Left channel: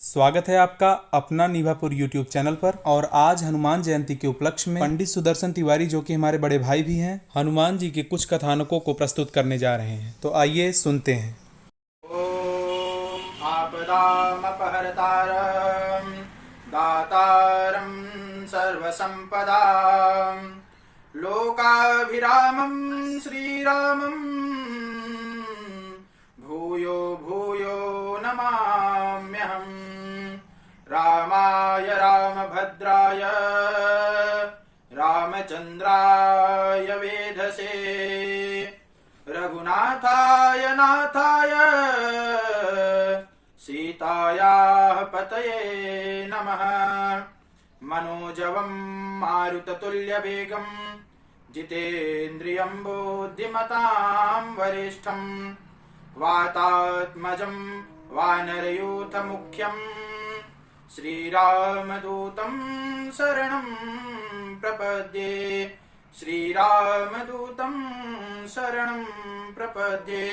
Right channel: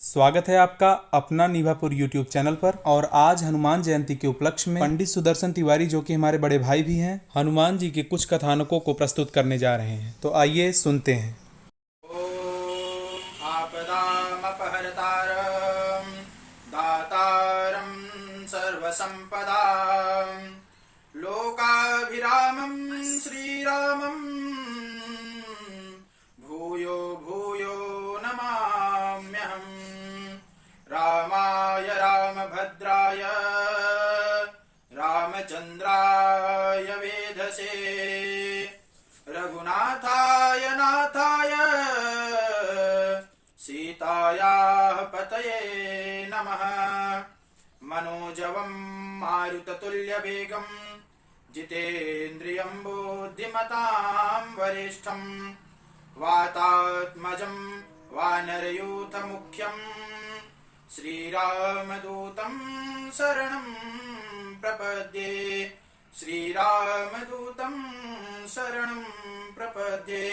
स्वागत है आपका अपना निभापुर यूट्यूब चैनल पर। और आज हनुमान जयंती के उपलक्ष्य में पंडित सुदर्शन तिवारी, जो कि हमारे बड़े भाई भी हैं, हनुमान जी के कुछ कथानकों को प्रस्तुत करने जा रहे हैं। तो आइए सुनते हैं। ओम आपदामपहर्तारं दातारं सर्वसंपदां लोकाभिरामं श्रीरामं भूयो भूयो नमाम्यहम्। रामाय रामभद्राय रामचन्द्राय वेधसे रघुनाथाय नाथाय सीतायाः पतये नमः। मनोजवं मारुततुल्यवेगं जितेन्द्रियं बुद्धिमतां वरिष्ठं वातात्मजं वानरयूथमुख्यं श्रीरामदूतं शरणं प्रपद्ये। श्रीरामदूतं शरणं प्रपद्ये।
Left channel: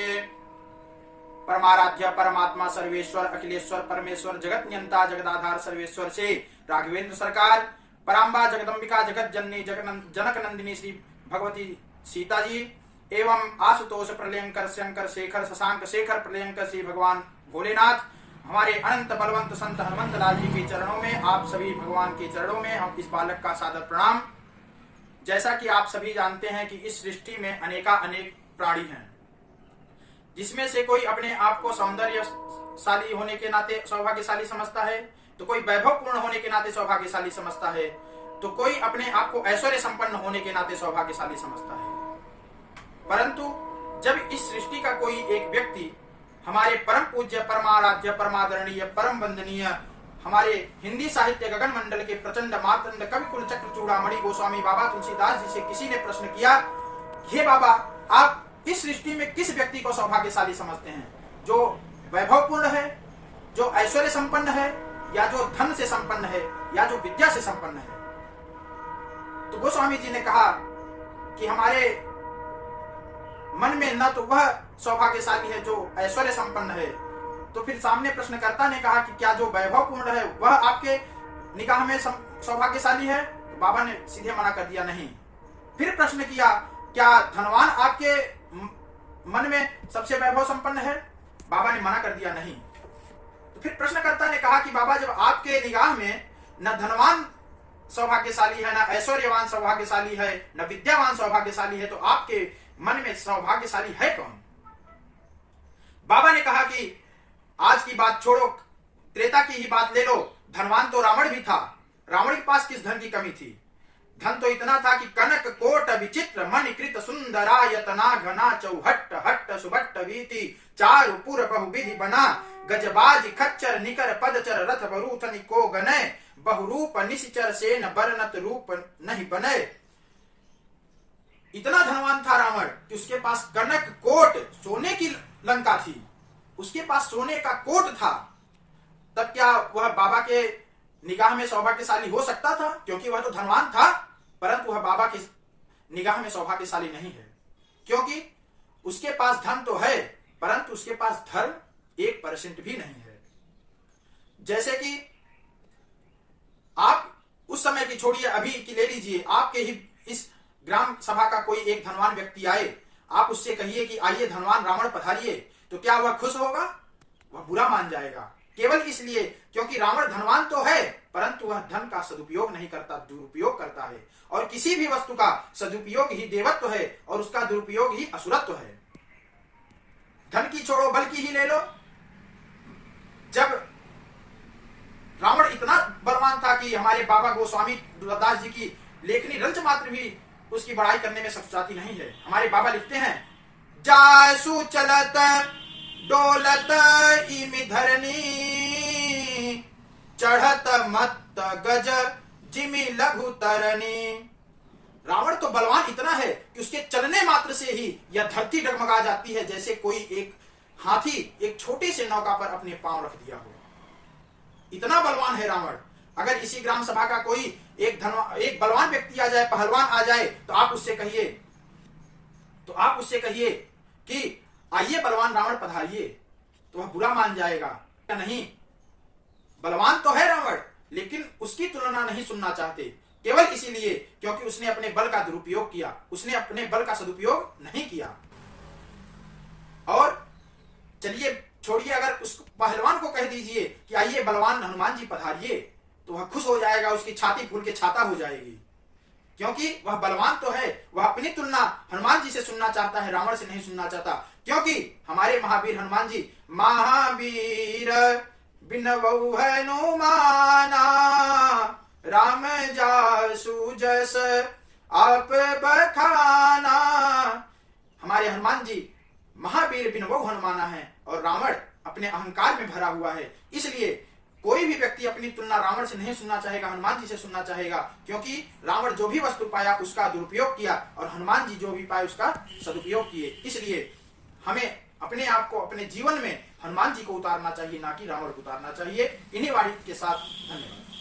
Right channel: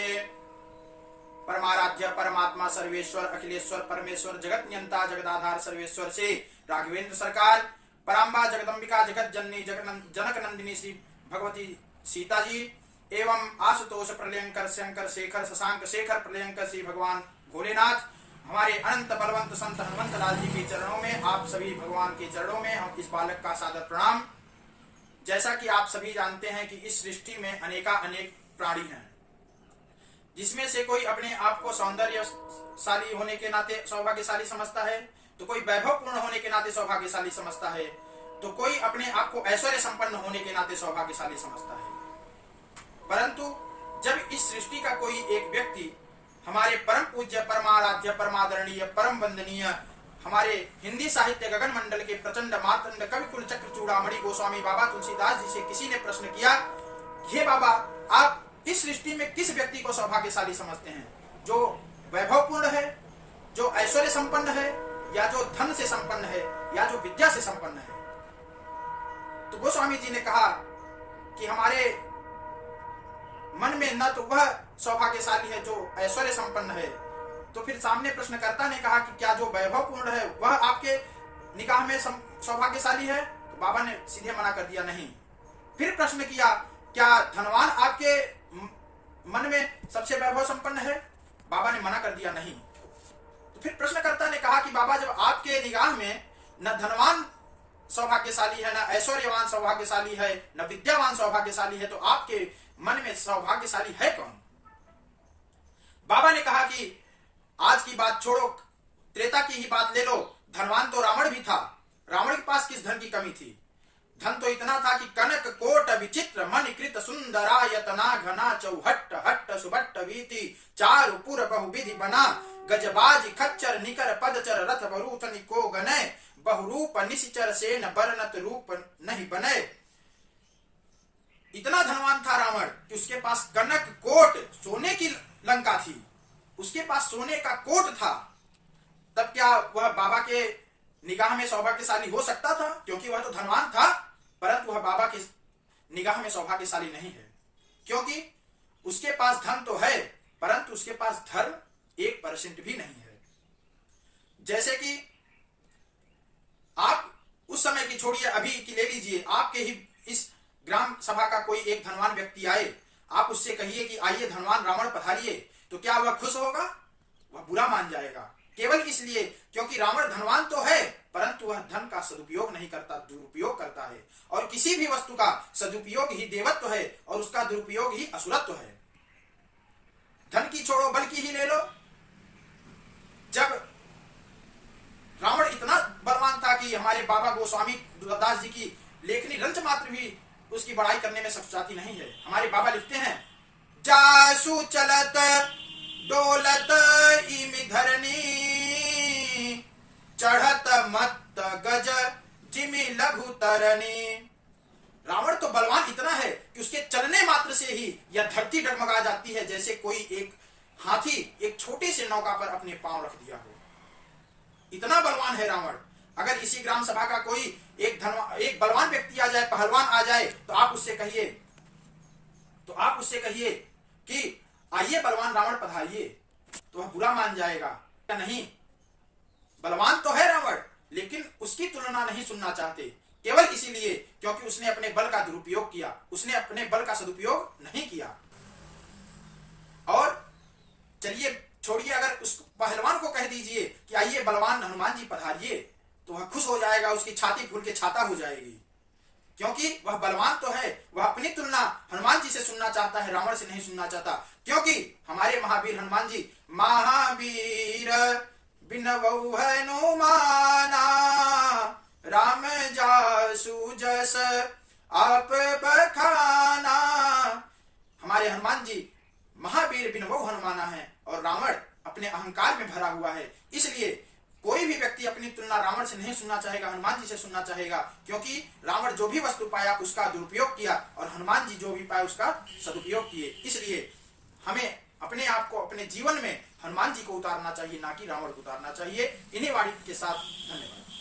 परमाराध्य परमात्मा सर्वेश्वर अखिलेश्वर परमेश्वर जगत नियंता जगदाधार सर्वेश्वर से राघवेंद्र सरकार पराम्बा जगदम्बिका जगत जननी जनक नंदिनी श्री भगवती सीता जी एवं आशुतोष प्रलयंकर शंकर शेखर शशांक शेखर प्रलयंकर श्री भगवान भोलेनाथ, हमारे अनंत बलवंत संत हनुमंत लाल जी के चरणों में, आप सभी भगवान के चरणों में हम इस बालक का सादर प्रणाम। जैसा कि आप सभी जानते हैं कि इस सृष्टि में अनेक प्राणी हैं, जिसमें से कोई अपने आप को सौंदर्यशाली होने के नाते सौभाग्यशाली समझता है, तो कोई वैभवपूर्ण होने के नाते सौभाग्यशाली समझता है, तो कोई अपने आप को ऐश्वर्य संपन्न होने के नाते सौभाग्यशाली समझता है। परंतु जब इस सृष्टि का कोई एक व्यक्ति हमारे परम पूज्य परमाराध्य परमादरणीय परम वंदनीय हमारे हिंदी साहित्य गगन मंडल के प्रचंड मातंड कवि कुल चक्र चूड़ामणि गोस्वामी बाबा तुलसीदास जी से किसी ने प्रश्न किया, हे बाबा, आप इस सृष्टि में किस व्यक्ति को सौभाग्यशाली समझते हैं? जो वैभवपूर्ण है, जो ऐश्वर्य संपन्न है, या जो धन से संपन्न है, या जो विद्या से संपन्न है? तो गोस्वामी जी ने कहा कि हमारे मन में न तो वह सौभाग्यशाली है जो ऐश्वर्य संपन्न है। तो फिर सामने प्रश्नकर्ता ने कहा कि क्या जो वैभवपूर्ण है वह आपके निगाह में सौभाग्यशाली है? तो बाबा ने सीधे मना कर दिया, नहीं। फिर प्रश्न किया, क्या धनवान आपके मन में सबसे वैभव संपन्न है? बाबा ने मना कर दिया, नहीं। तो फिर प्रश्नकर्ता ने कहा कि बाबा, जब आपके निगाह में न धनवान सौभाग्यशाली है, न ऐश्वर्यवान सौभाग्यशाली है, न विद्यावान सौभाग्यशाली है, तो आपके मन में सौभाग्यशाली है कौन? बाबा ने कहा कि आज की बात छोड़ो, त्रेता की ही बात ले लो। धनवान तो रावण भी था। रावण के पास किस धन की कमी थी? धन तो इतना था कि कनक कोट विचित्र मणिकृत सुंदरायतना घना चौहट्ट हट्ट सुभट्ट वीति चारु पुर बहुविधि बना गजबाज खच्चर निकर पदचर रथ बरूथ निको गने बहुरूप निशिचर सेन बरनत रूप नहीं बने। इतना धनवान था रावण कि उसके पास कनक कोट सोने की लंका थी, उसके पास सोने का कोट था। तब क्या वह बाबा के निगाह में सौभाग्यशाली हो सकता था? क्योंकि वह तो धनवान था, परंतु वह बाबा की निगाह में सौभाग्यशाली नहीं है, क्योंकि उसके पास धन तो है, परंतु उसके पास धर्म 1% भी नहीं है। जैसे कि आप उस समय की छोड़िए, अभी की ले लीजिए, आपके ही इस ग्राम सभा का कोई एक धनवान व्यक्ति आए, आप उससे कहिए कि आइए धनवान रावण पधारिए, तो क्या वह खुश होगा? वह बुरा मान जाएगा, केवल इसलिए क्योंकि रावण धनवान तो है, परंतु वह धन का सदुपयोग नहीं करता, दुरुपयोग करता है। और किसी भी वस्तु का सदुपयोग ही देवत्व है और उसका दुरुपयोग ही असुरत्व है। धन की छोड़ो, बल की ही ले लो। जब रावण इतना बलवान था कि हमारे बाबा गोस्वामी दास जी की लेखनी रंच मात्र भी उसकी बड़ाई करने में सक्षाती नहीं है। हमारे बाबा लिखते हैं, जासु चलत डोलत इमि धरनी चढ़त मत गज जिमि लघु तरनी। रावण तो बलवान इतना है कि उसके चलने मात्र से ही यह धरती डगमगा जाती है, जैसे कोई एक हाथी एक छोटे से नौका पर अपने पांव रख दिया हो। इतना बलवान है रावण। अगर इसी ग्राम सभा का कोई एक बलवान व्यक्ति आ जाए, पहलवान आ जाए, तो आप उससे कहिए कि आइए बलवान रावण पधारिए, तो वह बुरा मान जाएगा। नहीं, बलवान तो है रावण, लेकिन उसकी तुलना नहीं सुनना चाहते, केवल इसीलिए क्योंकि उसने अपने बल का दुरुपयोग किया, उसने अपने बल का सदुपयोग नहीं किया। और चलिए छोड़िए, अगर उस पहलवान को कह दीजिए कि आइए बलवान हनुमान जी पधारिए, तो वह खुश हो जाएगा, उसकी छाती फूल के छाता हो जाएगी, क्योंकि वह बलवान तो है। वह अपनी तुलना हनुमान जी से सुनना चाहता है, रावण से नहीं सुनना चाहता। क्योंकि हमारे महावीर हनुमान जी महावीर बिनवौ हनुमाना, राम जासु जस आप बखाना। हमारे हनुमान जी महावीर बिनवौ हनुमाना है और रावण अपने अहंकार में भरा हुआ है। इसलिए कोई भी व्यक्ति अपनी तुलना रावण से नहीं सुनना चाहेगा, हनुमान जी से सुनना चाहेगा, क्योंकि रावण जो भी वस्तु पाया उसका दुरुपयोग किया और हनुमान जी जो भी पाए उसका सदुपयोग किए। इसलिए हमें अपने आप को, अपने जीवन में हनुमान जी को उतारना चाहिए, ना कि रावण को उतारना चाहिए। इन्हीं वाणी के साथ धन्यवाद।